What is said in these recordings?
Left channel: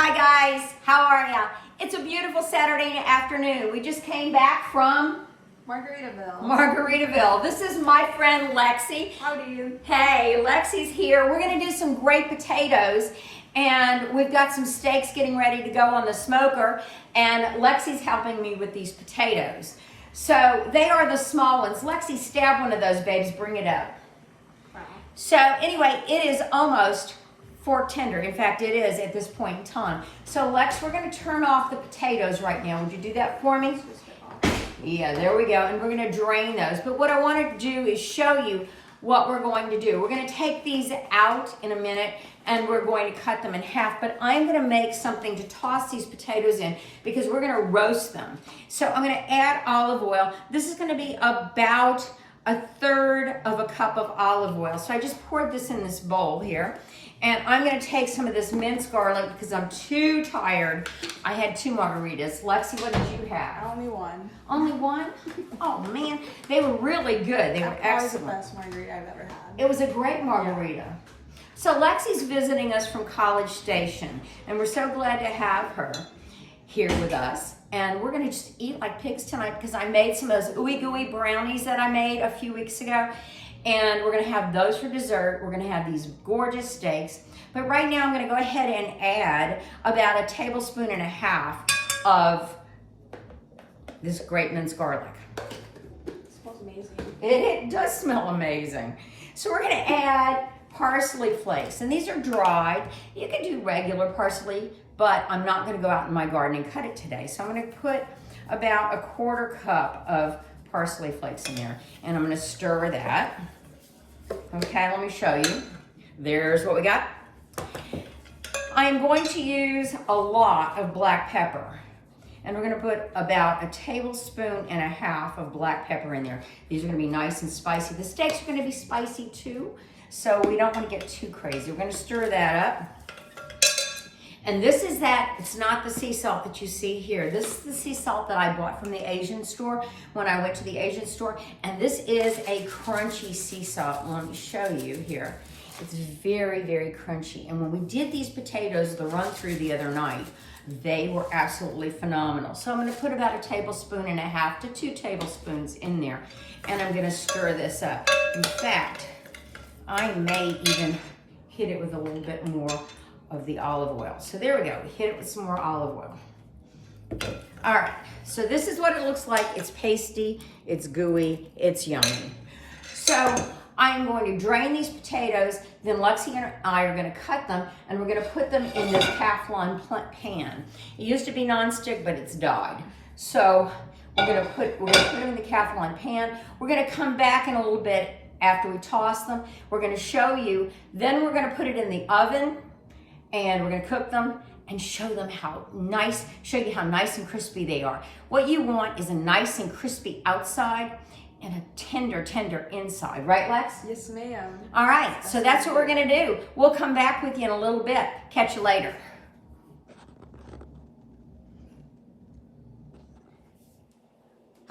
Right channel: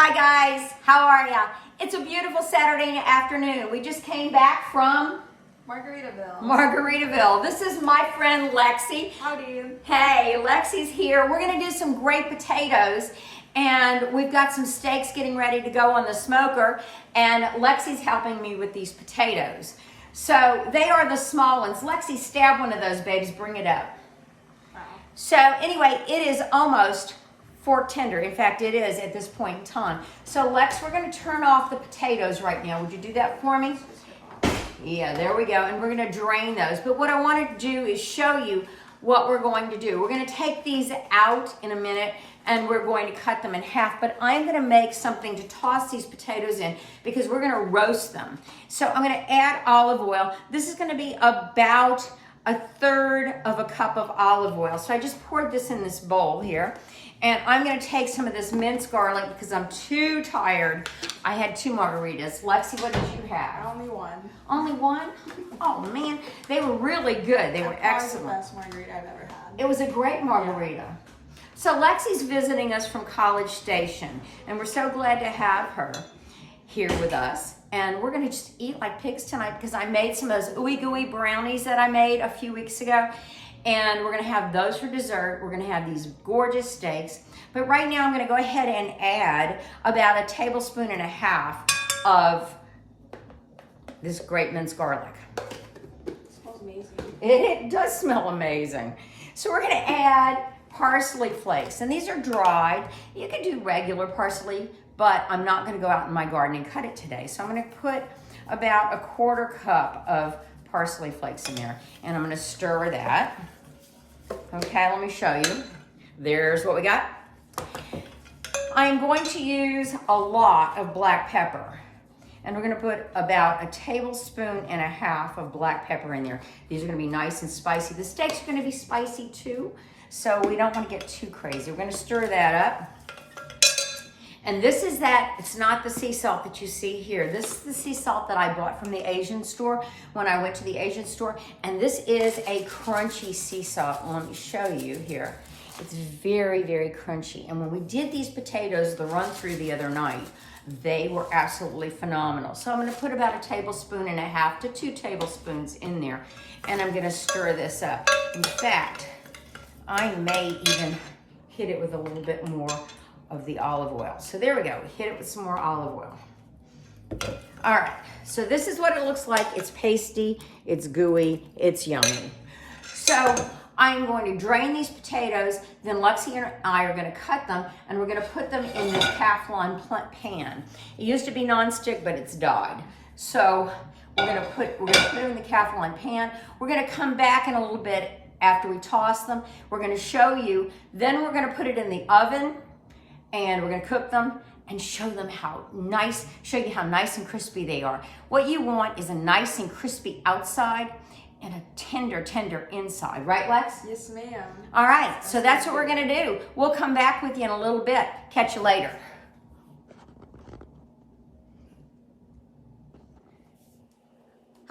Hi guys, how are ya? It's a beautiful Saturday afternoon. We just came back from Margaritaville. This is my friend Lexi. Howdy. Hey, Lexi's here. We're gonna do some great potatoes and we've got some steaks getting ready to go on the smoker, and Lexi's helping me with these potatoes. So they are the small ones. Lexi, stab one of those babes, bring it up. Wow. So anyway, it is almost fork tender. In fact, it is at this point in time. So Lex, we're going to turn off the potatoes right now. Would you do that for me? Yeah, there we go. And we're going to drain those. But what I wanted to do is show you what we're going to do. We're going to take these out in a minute and we're going to cut them in half. But I'm going to make something to toss these potatoes in because we're going to roast them. So I'm going to add olive oil. This is going to be about 1/3 of a cup of olive oil. So I just poured this in this bowl here. And I'm going to take some of this minced garlic because I'm too tired. I had 2 margaritas. Lexi, what did you have? Only one. Only one? Oh man, they were really good. They were excellent. The best margarita I've ever had. It was a great margarita. Yeah. So Lexi's visiting us from College Station, and we're so glad to have her here with us. And we're going to just eat like pigs tonight because I made some of those ooey gooey brownies that I made a few weeks ago. And we're going to have those for dessert. We're going to have these gorgeous steaks. But right now I'm going to go ahead and add about 1.5 tablespoons of this great minced garlic. It smells amazing. It does smell amazing. So we're going to add parsley flakes. And these are dried. You can do regular parsley, but I'm not going to go out in my garden and cut it today. So I'm going to put about 1/4 cup of parsley flakes in there. And I'm going to stir that. Okay, let me show you. There's what we got. I'm going to use a lot of black pepper. And we're going to put about 1.5 tablespoons of black pepper in there. These are going to be nice and spicy. The steaks are going to be spicy too, so we don't want to get too crazy. We're going to stir that up. And this is that, it's not the sea salt that you see here. This is the sea salt that I bought from the Asian store when I went to the Asian store. And this is a crunchy sea salt. Let me show you here. It's very, very crunchy. And when we did these potatoes, the run through the other night, they were absolutely phenomenal. So I'm going to put about 1.5 tablespoons to 2 tablespoons in there. And I'm going to stir this up. In fact, I may even hit it with a little bit more of the olive oil. So there we go. We hit it with some more olive oil. All right. So this is what it looks like. It's pasty. It's gooey. It's yummy. So I'm going to drain these potatoes. Then Lexi and I are going to cut them, and we're going to put them in this Teflon pan. It used to be nonstick, but it's died. So we're going to put them in the Teflon pan. We're going to come back in a little bit after we toss them. We're going to show you. Then we're going to put it in the oven. And we're going to cook them and show you how nice and crispy they are. What you want is a nice and crispy outside and a tender inside. Right, Lex? Yes, ma'am. All right, so that's what we're going to do. We'll come back with you in a little bit. Catch you later.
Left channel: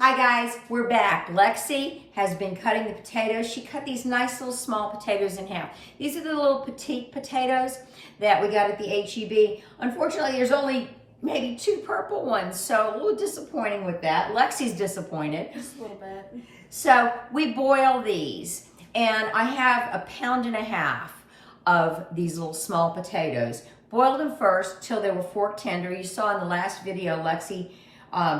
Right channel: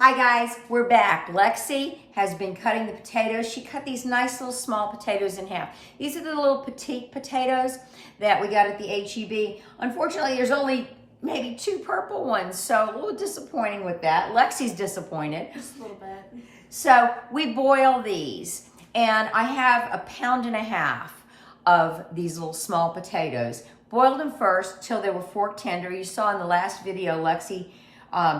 Hi guys, we're back. Lexi has been cutting the potatoes. She cut these nice little small potatoes in half. These are the little petite potatoes that we got at the HEB. Unfortunately, there's only maybe 2 purple ones, so a little disappointing with that. Lexi's disappointed. Just a little bit. So we boil these, and I have 1.5 pounds of these little small potatoes. Boiled them first till they were fork tender. You saw in the last video, Lexi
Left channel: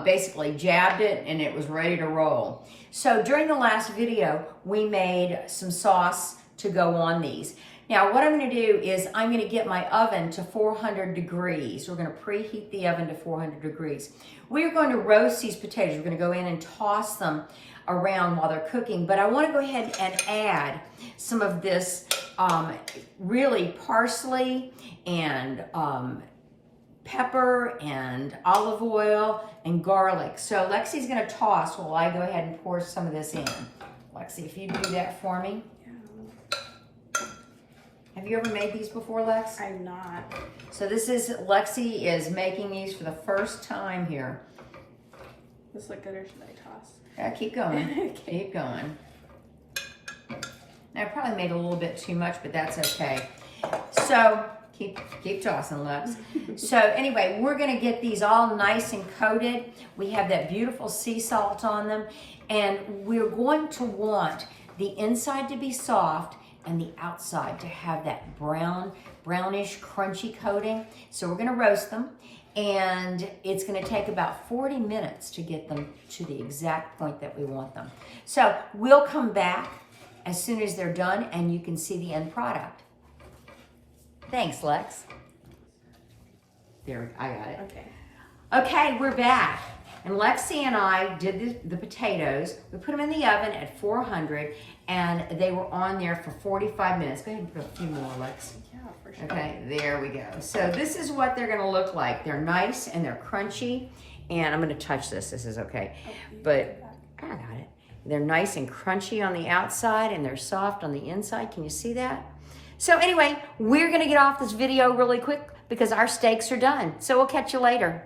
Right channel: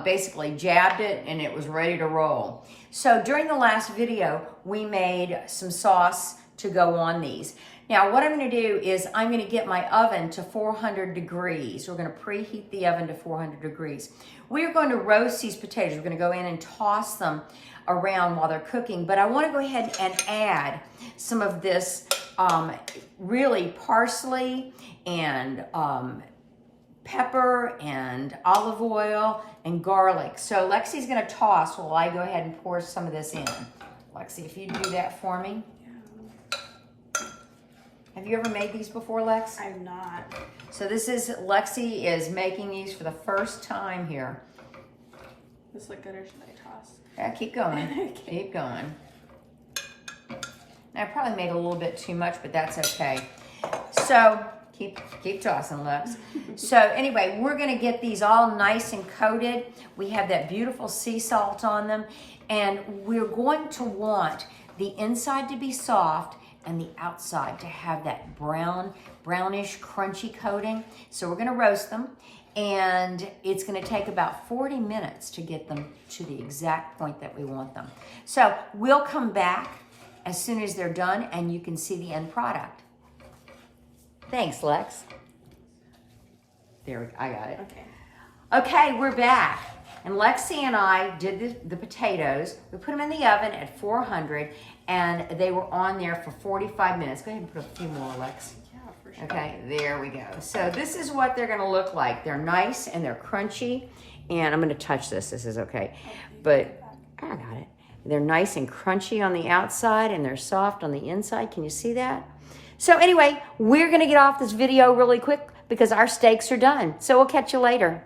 basically jabbed it and it was ready to roll. So during the last video, we made some sauce to go on these. Now what I'm going to do is I'm going to get my oven to 400 degrees. We're going to preheat the oven to 400 degrees. We're going to roast these potatoes. We're going to go in and toss them around while they're cooking, but I want to go ahead and add some of this really parsley and pepper and olive oil and garlic. So Lexi's going to toss while I go ahead and pour some of this in. Lexi, if you do that for me. Yeah. Have you ever made these before, Lex? I'm not. So Lexi is making these for the first time here. This look good or should I toss? Yeah, keep going. Okay. Keep going. Now, I probably made a little bit too much, but that's okay. So Keep tossing, Lex. So anyway, we're gonna get these all nice and coated. We have that beautiful sea salt on them, and we're going to want the inside to be soft and the outside to have that brownish, crunchy coating. So we're gonna roast them, and it's gonna take about 40 minutes to get them to the exact point that we want them. So we'll come back as soon as they're done, and you can see the end product. Thanks, Lex. There, I got it. Okay. Okay, we're back. And Lexi and I did the potatoes. We put them in the oven at 400, and they were on there for 45 minutes. Go ahead and put a few more, Lex. Yeah, for sure. Okay, there we go. So this is what they're gonna look like. They're nice and they're crunchy. And I'm gonna touch this is okay. Oh, But I got it. They're nice and crunchy on the outside and they're soft on the inside. Can you see that? So anyway, we're gonna get off this video really quick because our steaks are done. So we'll catch you later.